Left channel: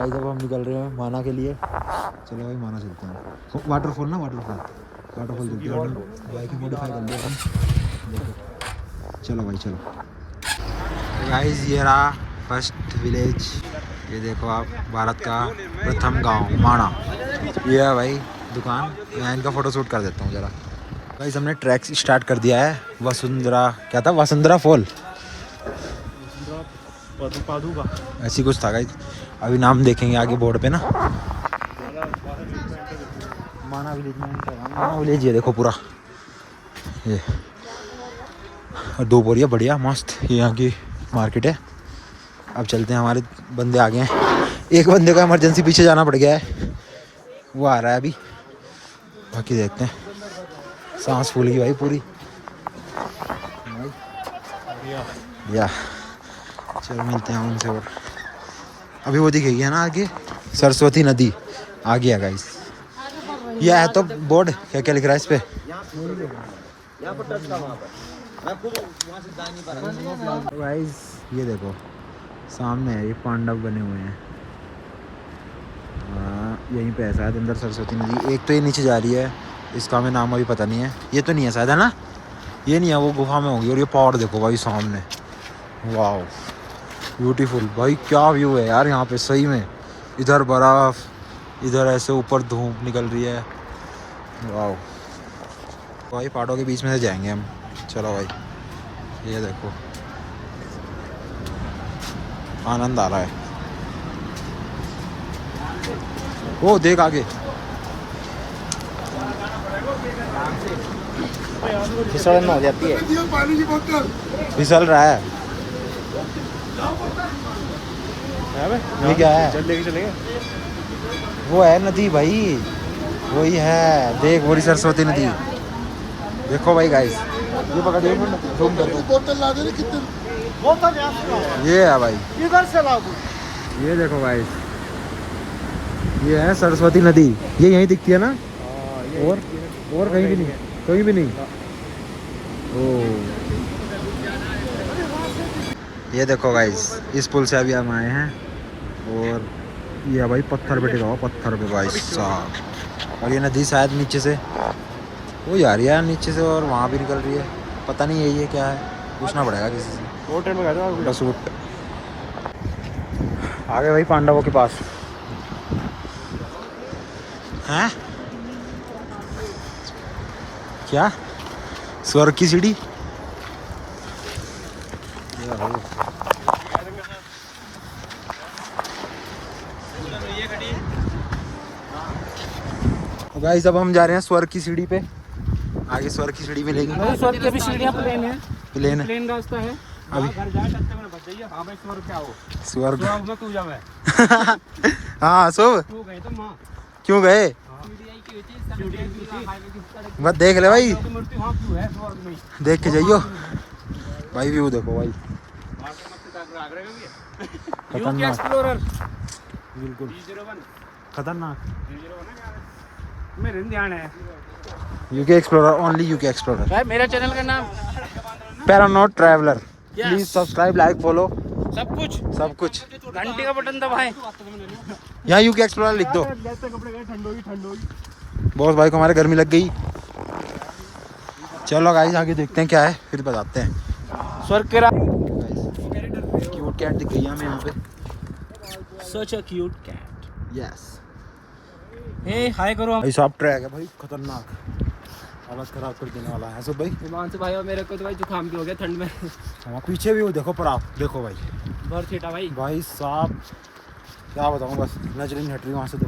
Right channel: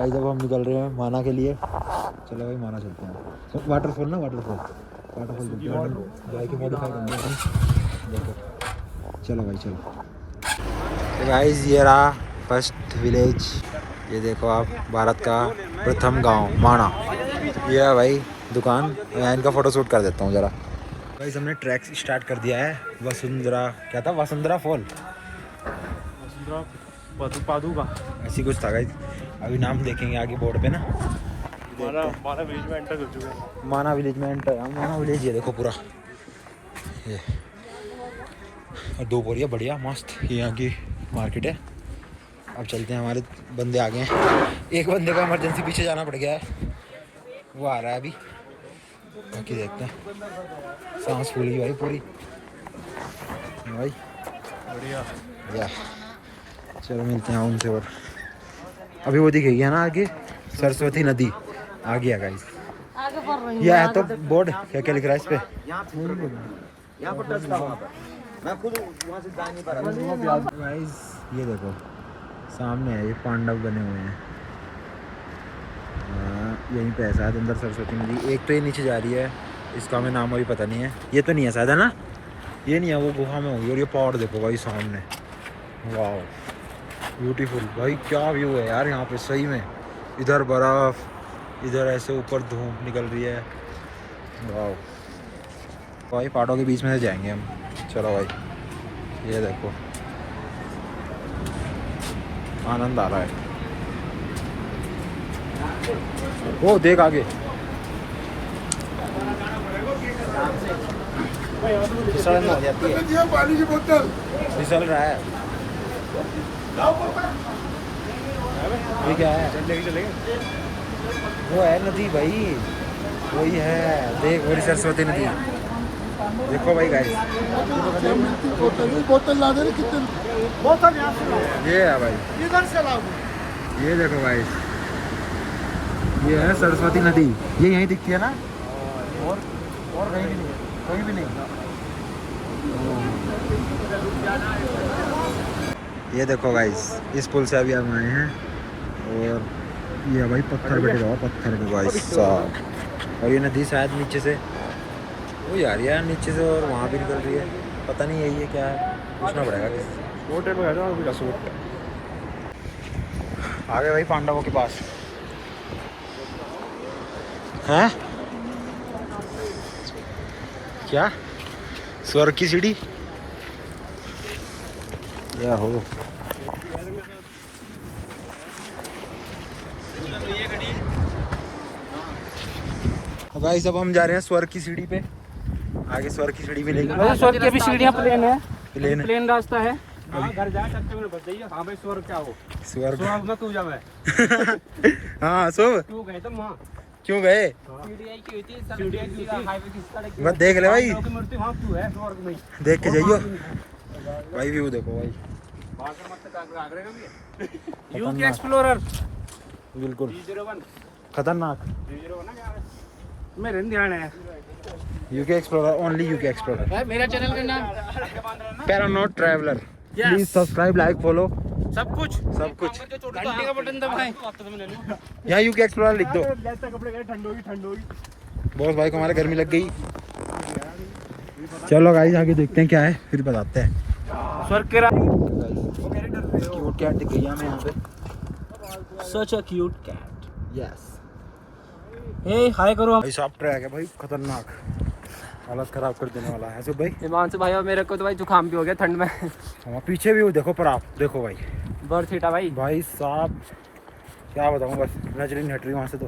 Guys अब हम निकल रहे हैं माना के लिए। चलो भाई माना चलते हैं। वाटरफॉल ना वाटरफॉल चलते हैं। बाइक मॉडिफाई कर लिया हम। देखो चलो भाई चलो। तो गाइस ये रहा फर्स्ट विलेज। ये देखो आप भारत का प्रथम गांव माना। ये है भाई दुकान। यहाँ इनका फोटो शूट कर देता हूँ ज़रा। गाइस हमने ट्रैक स्टार्ट कर दिया है। वसुंधरा क्या था? वसुंधरा फॉल पादुका ऐसी कुछ था गाइस। अभी नाम देखेंगे आगे बोर्ड पे ना। माना विलेज में एंटर है। माना विलेज ये देखो पूरा। ये दो बोरिया बढ़िया मस्त। ये यहाँ की मार्केट है। अब चलते हैं। हमारे बंदे आ गए हैं। एक बंदे का इमरजेंसी पीछे जाना पड़ गया है, वो आ रहा है अभी। बाकी देखते हैं। सांस फूल गई भाई पूरी भाई बढ़िया या। चलो मिलते हैं उनसे। और अभी वो दिखेगी है ना आगे सरस्वती नदी आ गया गाइस। ये है तो बोर्ड क्या क्या लिख रहा है इस पे? गाइस ये देखो सामने है। ये पांडव बने हुए हैं। यहीं पे है शायद अंदर सरस्वती नदी। एक तो ये नीचे जा रही है, इसका हमें नाम अभी पता नहीं है। ये तो नहीं है शायद है ना? ये नहीं है, वो गुफा में होगी। और ये पहाड़ देखो भाई सामने। वाह ब्यूटीफुल भाई। क्या व्यू है यार यहाँ पे सही में। इधर बर्फ, इधर ऐसे ऊपर धूप निकल रही है। वाह भाई पहाड़ों के बीच में से जाएंगे हम। चलो भाई ये देखो आनंद आ रहा है। ओ देख आगे पानी की बोतल फिसल रहा है। ये क्या है? चलेंगे। वो है नदी भाई, वही है। देख वही सरस्वती नदी देखो भाई गाइस। ये पकड़ बोतल ला दे कितने ये है भाई। इधर से लाओ। ये देखो गाइस ये है सरस्वती नदी। ये यहीं दिखती है ना? और कहीं भी नहीं, कहीं भी नहीं। ये देखो गाइस इस पुल से अभी हम आए हैं। और ये भाई पत्थर पे टिका पत्थर पे भाई साहब। और ये नदी शायद नीचे से वो जा रही है नीचे से और वहाँ भी निकल रही है। पता नहीं यही है क्या है, पूछना पड़ेगा किसी से। बस वो आ गए भाई पांडवों के पास हैं। क्या स्वर्ग की सीढ़ी? या हो तो गाइस अब हम जा रहे हैं स्वर्ग की सीढ़ी पे। आगे स्वर्ग की सीढ़ी मिलेगी। प्लेन रास्ता है। अभी घर जा सकते हैं बच जाइए। हां भाई स्वर्ग क्या हो? स्वर्ग में तू जा। मैं हाँ शुभ तू गए तो वहां क्यों गए? सीडीआई की थी हाईवे की सड़क बस देख ले भाई, मूर्ति वहां क्यों है स्वर्ग में? देख के जाइयो भाई। व्यू देखो भाई यूके एक्सप्लोरर बिल्कुल खतरनाक। मेरे ध्यान है UK explorer only UK explorer. भाई मेरा चैनल का नाम paranaut traveller. Please subscribe like follow सब कुछ घंटी का बटन दबाएं। यहाँ यूके एक्सप्लोरर लिख दो। कपड़े गए ठंड होगी। बॉस भाई को हमारे गर्मी लग गई। चलो गाइस आगे देखते हैं क्या है फिर बताते हैं। स्वर्ग के क्यूट कैट दिख गई हमें यहाँ पे। सच अ क्यूट कैट। यस हे हाय करो। भाई साहब ट्रैक है भाई खतरनाक, हालत खराब कर देने वाला है। सब भाई हिमांशु भाई और मेरे को तो भाई जुकाम भी हो गया ठंड में। हाँ पीछे भी वो देखो पर आप देखो भाई बर्थ हिटा भाई साहब क्या बताऊँ। बस नजर नहीं हट रही वहाँ से तो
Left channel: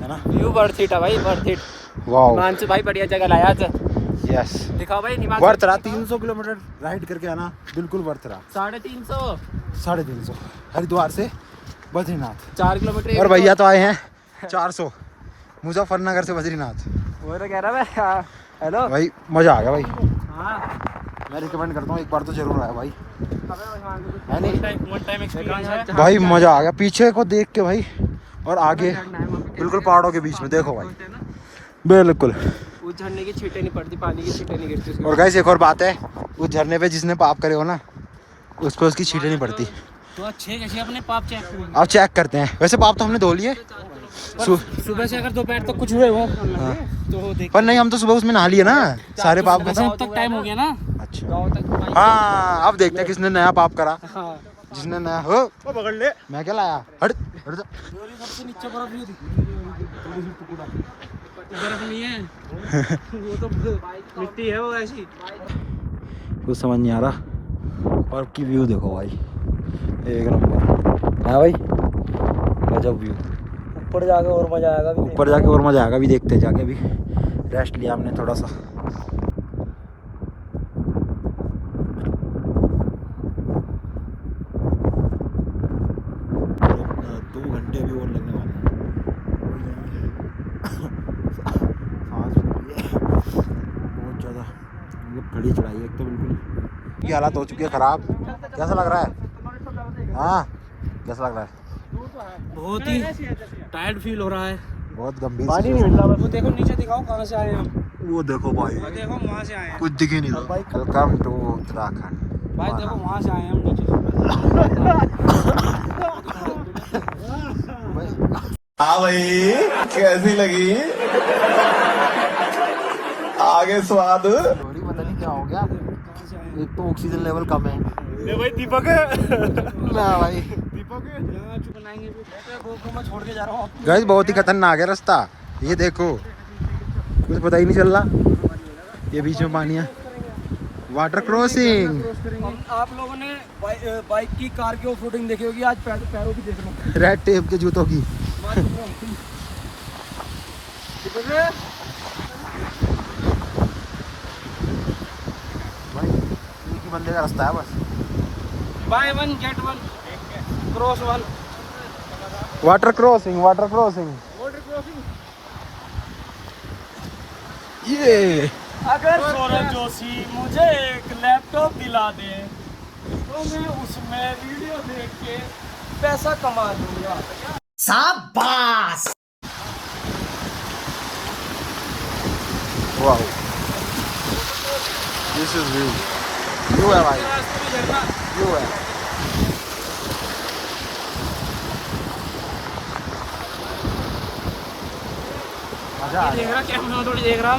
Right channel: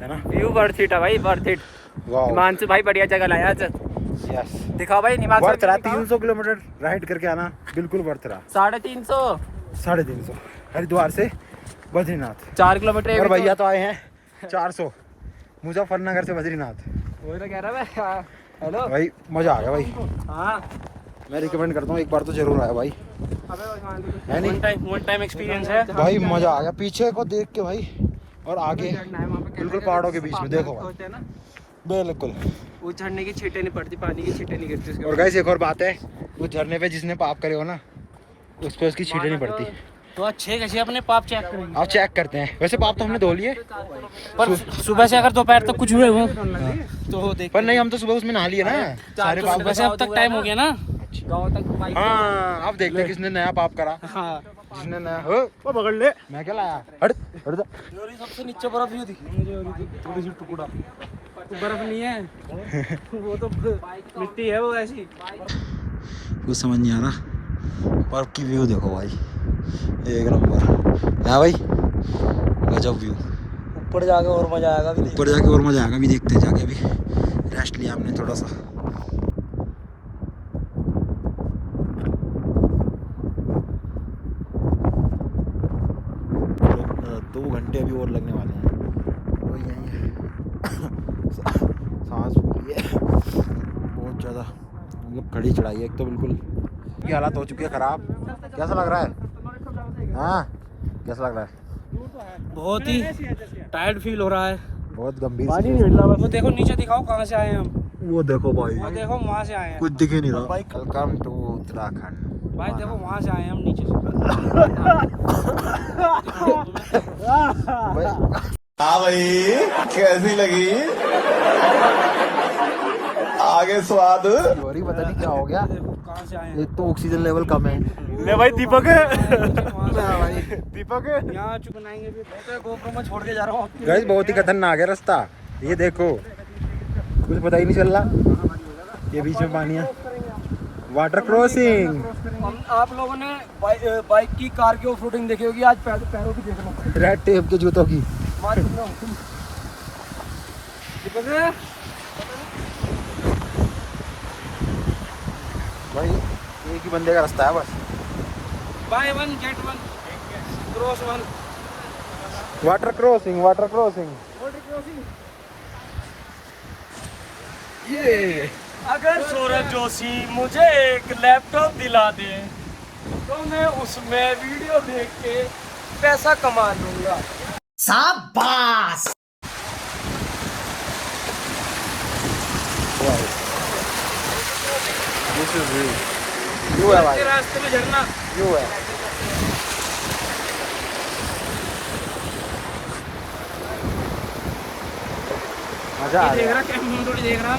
है ना। व्यू बर्थ हिटा भाई बर्थ हिट। वाह हिमांशु भाई बढ़िया जगह लाया आज। यस दिखाओ भाई हिमांशु। वर्थ रहा 300 किलोमीटर राइड करके आना बिल्कुल वर्थ रहा। 350 350 हरिद्वार से बद्रीनाथ 4 किलोमीटर। और भैया तो आए हैं 400 मुजफ्फरनगर से बद्रीनाथ। वो तो कह रहा है हेलो भाई मजा आ गया भाई। हाँ मैं रिकमेंड करता हूँ एक बार तो जरूर आया भाई। है नहीं वन टाइम एक्सपीरियंस है भाई मजा आ गया पीछे को देख के भाई। और आगे बिल्कुल पहाड़ों के बीच में देखो भाई बिल्कुल। उस झरने की छींटे नहीं पड़ती, पानी की छींटे नहीं गिरती उसके। और गाइस एक और बात है, उस झरने पे जिसने पाप करे हो ना उस पर उसकी छींटे नहीं पड़ती। तो अच्छे कैसे अपने पाप चेक करेंगे। अब चेक करते हैं। वैसे पाप तो हमने धो लिए, पर सुबह से अगर दोपहर तक कुछ हुए हुए तो देख। पर नहीं, हम तो सुबह उसमें नहा लिए ना सारे पाप। वैसे अब तक टाइम हो गया ना। अच्छा हाँ, अब देखते हैं किसने नया पाप करा। जिसने नया हो पकड़ ले। मैं क्या लाया, हट हट जा। सबसे नीचे बर्फ ही थोड़ी सी टुकड़ा बर्फ नहीं है वो तो मिट्टी है वो ऐसी। कुछ समझ नहीं आ रहा। बर्फ की व्यू देखो भाई, एक नंबर। हाँ भाई, गजब व्यू। ऊपर जाके और मजा आएगा। ऊपर जाके और मजा आएगा, भी देखते हैं जाके। भी रेस्ट लिया हमने थोड़ा सा। 2 घंटे अभी और लगने वाले हैं। सांस फूल रही है बहुत ज़्यादा, मतलब खड़ी चढ़ाई है एक तो बिल्कुल। की हालत हो चुकी है ख़राब। कैसा लग रहा है? हाँ कैसा लग रहा है? बहुत ही टायर्ड फील हो रहा है। बहुत गंभीर पानी सी। नहीं मिल रहा। वो देखो नीचे दिखाओ कहाँ से आए हैं हम। वो देखो भाई, वो देखो वहाँ से आए हैं कुछ दिख ही नहीं रहा। Welcome to Uttarakhand. भाई। देखो वहाँ से आए हैं हम नीचे। हाँ भाई, कैसी लगी? आगे स्वाद। सॉरी, पता नहीं क्या हो गया। कहाँ से आए हैं? एक तो ऑक्सीजन लेवल कम है। ले भाई दीपक। भाई दीपक यहाँ चुप बनाएंगे। गोप्रो में छोड़ के जा रहा हूँ। गाइस, बहुत ही खतरनाक है रास्ता। ये देखो, कुछ पता ही नहीं चल रहा। ये बीच में पानी है। Water crossing. आप लोगों ने बाइक की, कार की ऑफ रोडिंग देखी होगी। आज पैरों की देख रहा हूँ। रेड टेप के जूतों की। भाई एक ही बंदे का रास्ता है बस। By one get one, cross one. Water crossing, water crossing. ये अगर सौरभ जोशी मुझे एक लैपटॉप दिला दे तो मैं उसमें वीडियो देख के पैसा कमा लूंगा। Wow, this is view. View है भाई, रास्ते में झरना। व्यू है। मजा आ देख गया, रहा कैमरा थोड़ी देख रहा है।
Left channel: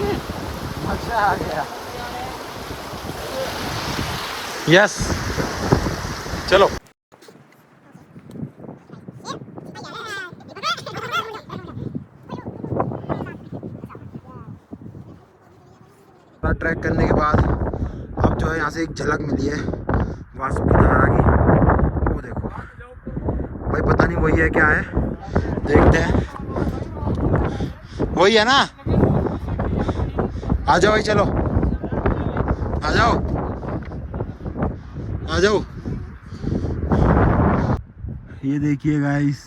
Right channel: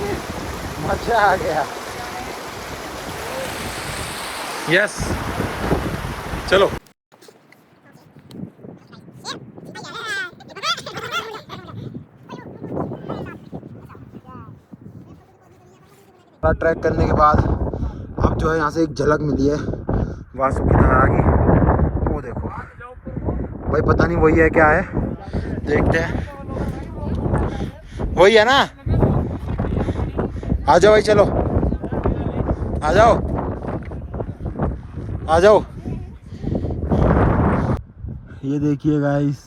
मजा आ गया। यस, चलो। ट्रैक करने के बाद अब जो है यहाँ से एक झलक मिली है वासुकी नारा की। वो देखो भाई, पता नहीं वही है क्या है, देखते हैं। वही है ना? आ जाओ भाई, चलो आ जाओ, आ जाओ। ये देखिए गाइस,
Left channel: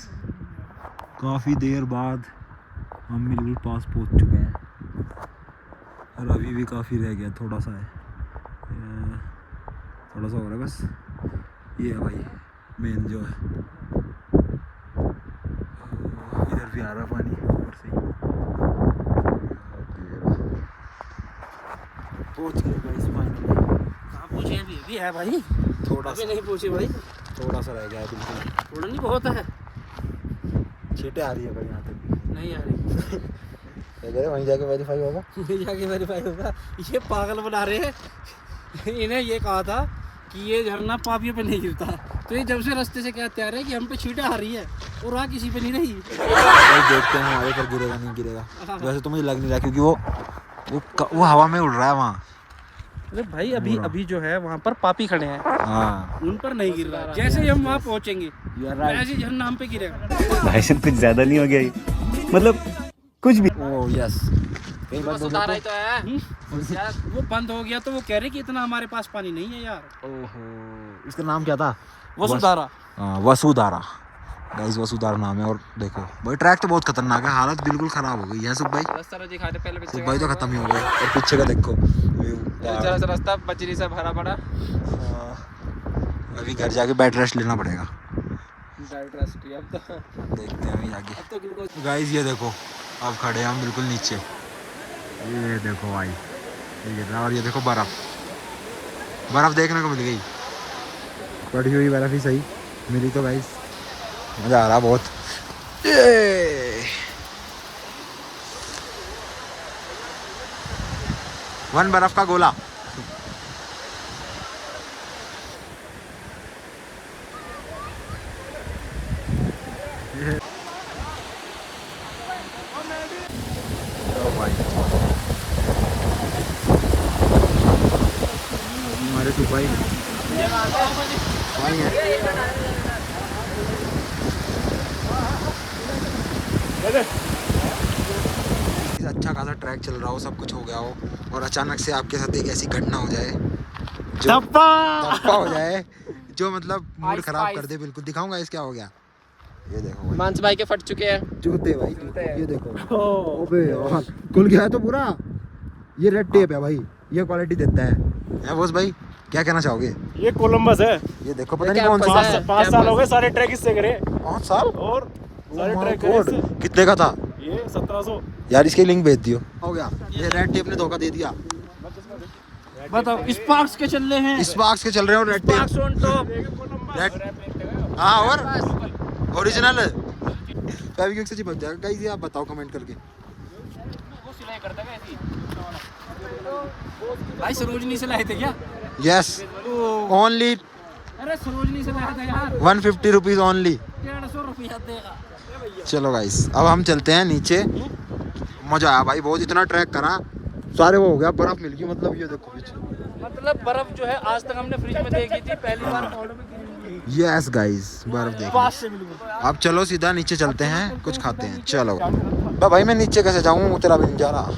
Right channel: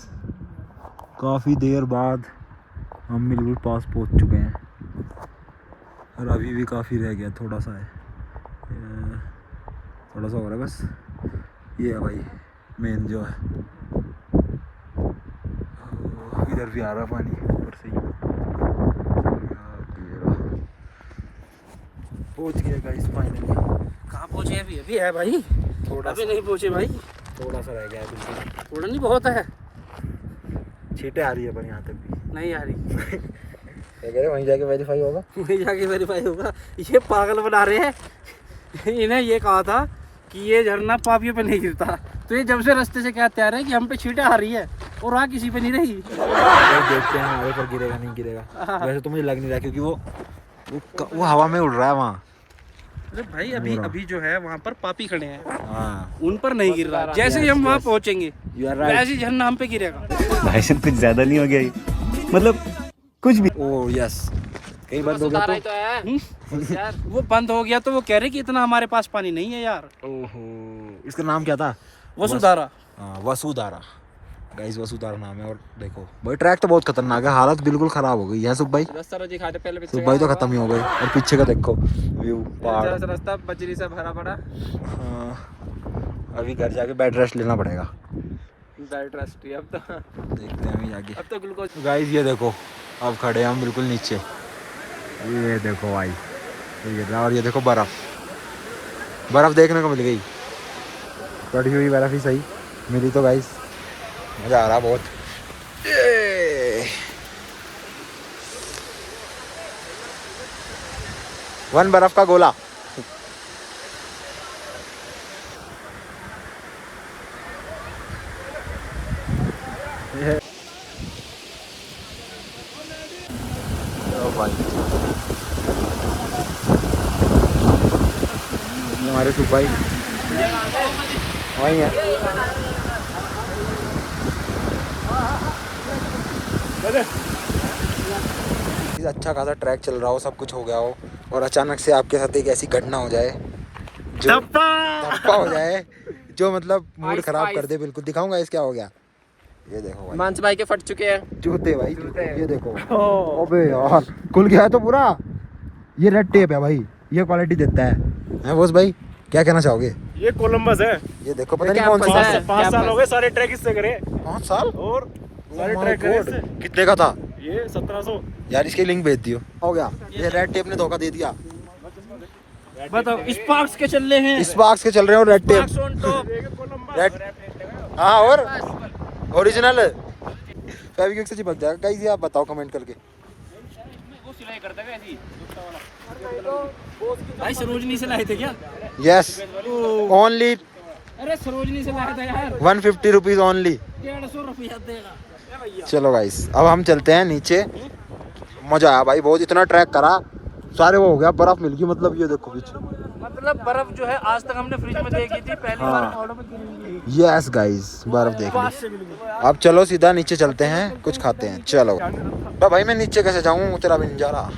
काफ़ी देर बाद हम बिल्कुल पास पहुंच चुके हैं और अभी भी काफ़ी रह गया, थोड़ा सा है, थोड़ा सा हो रहा है बस। ये है भाई मेन जो है। इधर भी आ रहा पानी ऊपर से। पहुंच गए गाइस फाइनली। कहाँ पहुँचे? अभी है भाई, थोड़ा अभी सा, नहीं पहुँचे भाई। थोड़ा सा रह गया है बिल्कुल। थोड़ा नहीं बहुत है। छींटे आ रही है पर यहाँ तक भी नहीं आ रही। क्या कह रहे, वहीं जाके वेरीफाई होगा। वहीं जाके वेरीफाई होगा। ये पागल बना रहे हैं। इन्हें ये कहा था कि ये झरना पापियों पे नहीं गिरता, तो ये जब से रास्ते से क्या तैयार है कि हम पे छींटे आ रही है और वहाँ किसी पे नहीं रही। देखते हैं हमारे पर गिरेगा नहीं गिरेगा। वैसे तो मुझे लग नहीं रहा क्योंकि वो हवा में उड़ रहा है वहाँ। अरे भाई अभी जो है वहाँ पर पापी खड़े हैं, हाँ, उन पर नहीं गिर रहा है। जैसे ही हम वहाँ पहुँचेंगे वैसे ही झरना हम पे गिरेगा। भाई साहब कुछ ज्यादा नहीं हो गया ये? मतलब कुछ भी। ओ यस, कहीं बंद हो गया तो। यार वो बंद हो गया तो वो कह रहे कि इतना हमारे पास पानी नहीं है यार। ओहो, इसका नाम क्या था? वसुधारा। हाँ, वसुधारा गाइस, वसुधारा नाम है। और देखो भाई, ट्रैक तो बहुत खतरनाक है, हालत बिल्कुल खराब हो गई है। सुख भाई, रास्ता दिखा दे पहले। सुख भाई तो खत्म ही हो गए। पीछे का देखो व्यू, रास्ता बजरी से भरा पड़ा। अभी घर जाके बेड रेस्ट लेना पड़ेगा। अब तो देखते हैं अभी आगे। अब तो ग्लूकोज। गाइस ये देखो, अब खड़े हैं हम बिल्कुल नीचे। ये देखो भाई, और ये देखो बर्फ, बर्फ देखने को मिल गई। पड़ी हुई बर्फ ही सही, मिली तो गाइस मज़ा आ रहा बहुत। ये 1 बर्फ का गोला। हमारे सुपाई वही है। अच्छा खासा ट्रैक चल रहा हो, सब कुछ हो गया हो और अचानक से आपके साथ एक ऐसी घटना हो जाए जो धप्पा हो जाए जो मतलब मूड खराब कर दे बिल्कुल। दिखाऊंगा इस क्या हो गया। ये देखो भाई मांस भाई के फट चुके हैं जूते भाई जूते। ये देखो अबे यार खुल गया है तो पूरा। ये रेड टेप है भाई, ये क्वालिटी देता है बॉस भाई। क्या कहना चाहोगे? ये कोलंबस है। ये देखो पता नहीं कौन सी 5 साल हो गए सारे ट्रैक इससे करे। 5 साल और Oh सारे my ट्रैक करे God! इससे। कितने का था ये 1700। यार? इसके लिंक भेज दियो। हो गया ये रेड टेप ने धोखा दे दिया। बताओ स्पार्क्स के चल रहे हैं। स्पार्क्स के चल रहे हो रेड टेप। रेड हाँ और ओरिजिनल फेविक्विक से चिपक जाएगा गाइस। ये आप बताओ कमेंट करके। वो सिलाई करता है ऐसी भाई। सरोजनी से लाए थे क्या? यस ओनली अरे सरोजनी से लाया था यार। 150 रुपीज ओनली। 150 रुपया देगा। चलो गाइस अब हम चलते हैं नीचे। मजा आया भाई बहुत, इतना ट्रैक करा सारे वो हो गया, बर्फ मिल गई। मतलब ये देखो पीछे मतलब बर्फ जो है आज तक हमने फ्रिज में देखी थी पहले। हाँ यस गाइस बर्फ देखिए। अब चलो सीधा नीचे चलते हैं, कुछ खाते हैं। चलो तो भाई मैं नीचे कैसे जाऊँ, उतरा भी नहीं जा रहा।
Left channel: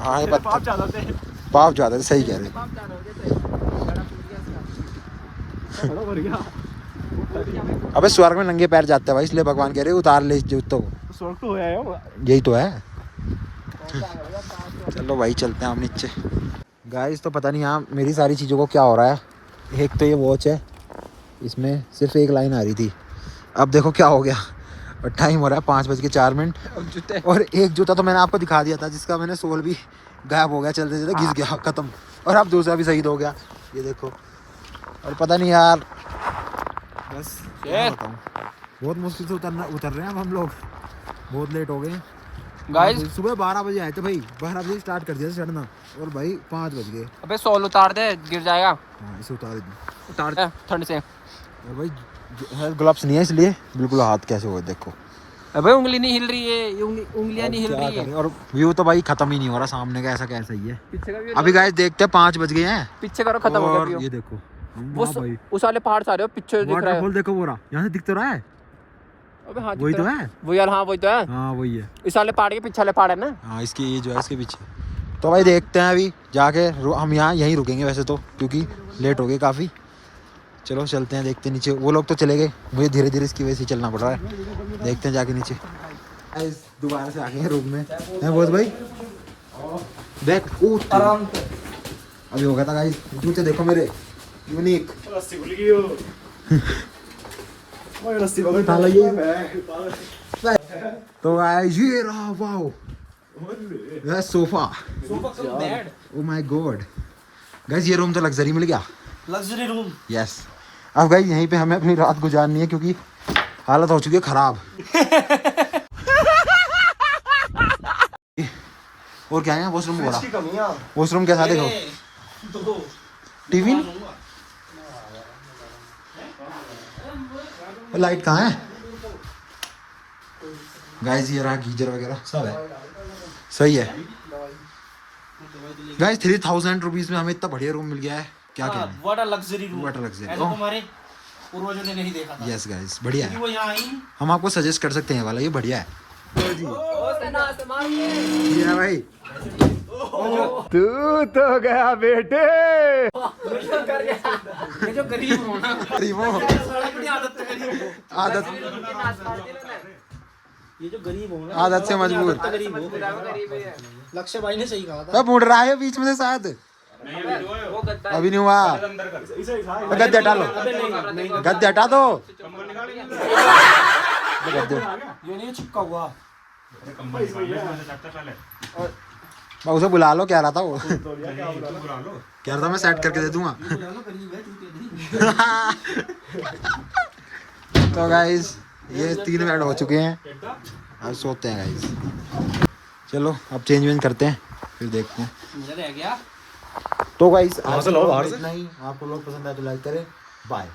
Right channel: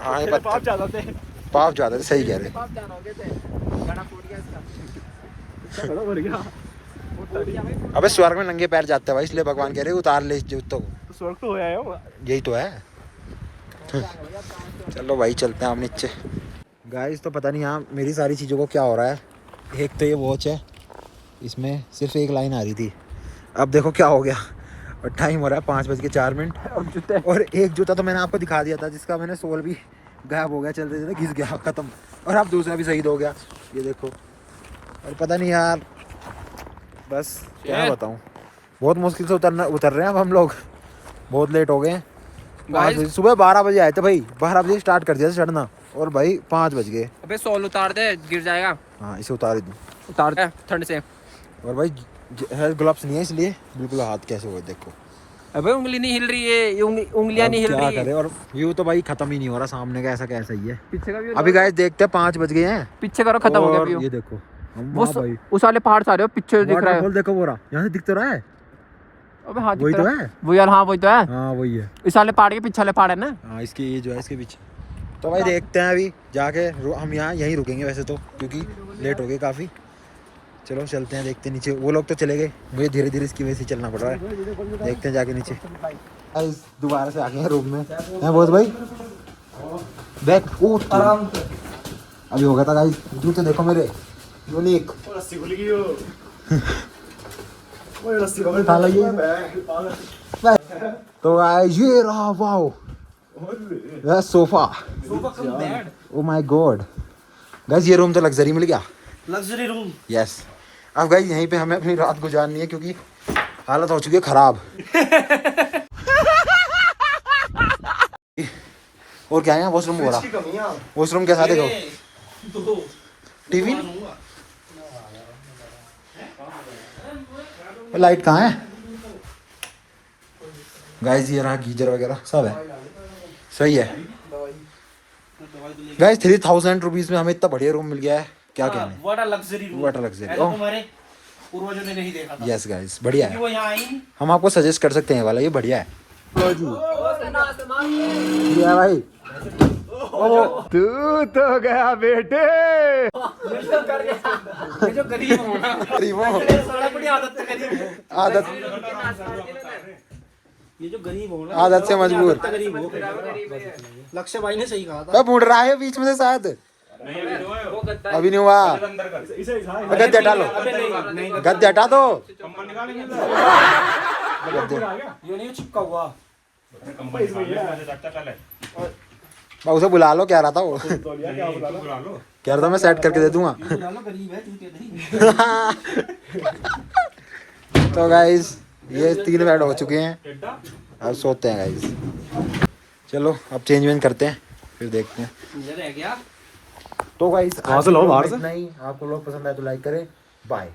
हाँ ये पत्थर पाप ज्यादा सही कह रहे। अबे स्वर्ग में नंगे पैर जाते हैं भाई, इसलिए भगवान कह रहे उतार ले जूतों को। स्वर्ग तो होया है। यही तो है। चलो भाई चलते हैं हम नीचे। गाइस तो पता नहीं यहाँ मेरी सारी चीज़ों को क्या हो रहा है। एक तो ये वॉच है, इसमें सिर्फ एक लाइन आ रही थी, अब देखो क्या हो गया। और टाइम हो रहा है 5:04। और एक जूता तो मैंने आपको दिखा दिया था जिसका मैंने सोल भी गायब हो गया, चलते चलते घिस गया ख़त्म। और अब दूसरा भी शहीद हो गया, ये देखो। और पता नहीं यार बस क्या बताऊँ, बहुत मुश्किल से उतर रहे हैं अब हम लोग। बहुत लेट हो गए हैं। सुबह 12 बजे आए थे भाई, 12 बजे स्टार्ट कर दिया था चढ़ना और भाई 5 बज गए। अबे सोल उतार दे गिर जाएगा। हाँ इसे उतार दूँ। उतार दे ठंड से। और भाई ग्लव्स नहीं है इसलिए बिल्कुल हाथ कैसे हुए देखो। अबे उंगली नहीं हिल रही है, उंगलियां नहीं हिल रही है। और व्यू तो भाई खत्म ही नहीं हो रहा सामने का, ऐसा कैसा ही है। पीछे का अभी गाइस देखते हैं 5 बज गए हैं। पीछे करो खत्म हो गया और व्यू। ये देखो भाई उस वाले पहाड़ सारे पीछे दिख रहा है। वाटरफॉल देखो पूरा यहाँ से दिख तो रहा है। अबे हाँ वही तो है वो यार। हाँ वही तो है। हाँ वही है। इस वाले पहाड़ के पीछे वाले पहाड़ है ना। हाँ इसकी ये जो है इसके पीछे। तो भाई देखते हैं अभी जाके हम यहाँ यहीं रुकेंगे वैसे तो, क्योंकि लेट हो गए काफ़ी। चलो चलते हैं देखते हैं नीचे। वो लोग तो चले गए, मुझे धीरे धीरे इसकी वजह से चलना पड़ रहा है। देखते हैं जाके नीचे। दोबारा से आ गए हैं रूम में हैं बहुत भाई। बैक आराम से अभी हो गया था गाइस। जूते देखो मेरे यूनिक। तो गाइस ये रहा, wow sofa. Oh my God guys ये रूम तो लग्जरी मिल गया। Luxury room. यस अब गाइस यहीं पे हमें अपनी रात गुजारनी है क्योंकि हालत हो चुकी है खराब। और क्या है वॉशरूम हो रहा। वॉशरूम कैसा देखो, टीवी लाइट कहाँ है गाइस। ये रहा गीजर वगैरह सब है, सही है गाइस। 3000 रुपीज में हमें इतना बढ़िया रूम मिल गया है, क्या कहना है। What a luxury room. What a luxury. हमारे पूर्वजों ने नहीं देखा था। यस गाइस बढ़िया वो है, यहाँ आई नहीं। हम आपको सजेस्ट कर सकते हैं वाला, ये बढ़िया है। लो जी ये भाई तू तो गया बेटे। ये जो गरीब हो ना, साला बड़ी आदत है गरीब हो। आदत ये जो गरीब हो ना, आदत से मजबूर। गरीब हो। लक्ष्य भाई ने सही कहा था। अब मुड़ रहा है बीच में से शायद, अभी नहीं हुआ। गद्दे हटा लो, गद्दे हटा दो। ये नहीं चिपका हुआ। उसे बुला लो, क्या रहा था वो। कह रहा था मैं सेट करके दे दूंगा। गरीब है जूते नहीं। तो गाइस ये 3 बेड हो चुके हैं, अब सोते हैं गाइस। चलो अब चेंज वेंज करते हैं, फिर देखते हैं। मुझे रह गया। तो गाइस आज इतना ही। आपको लोग पसंद आए तो लाइक करें। बाय।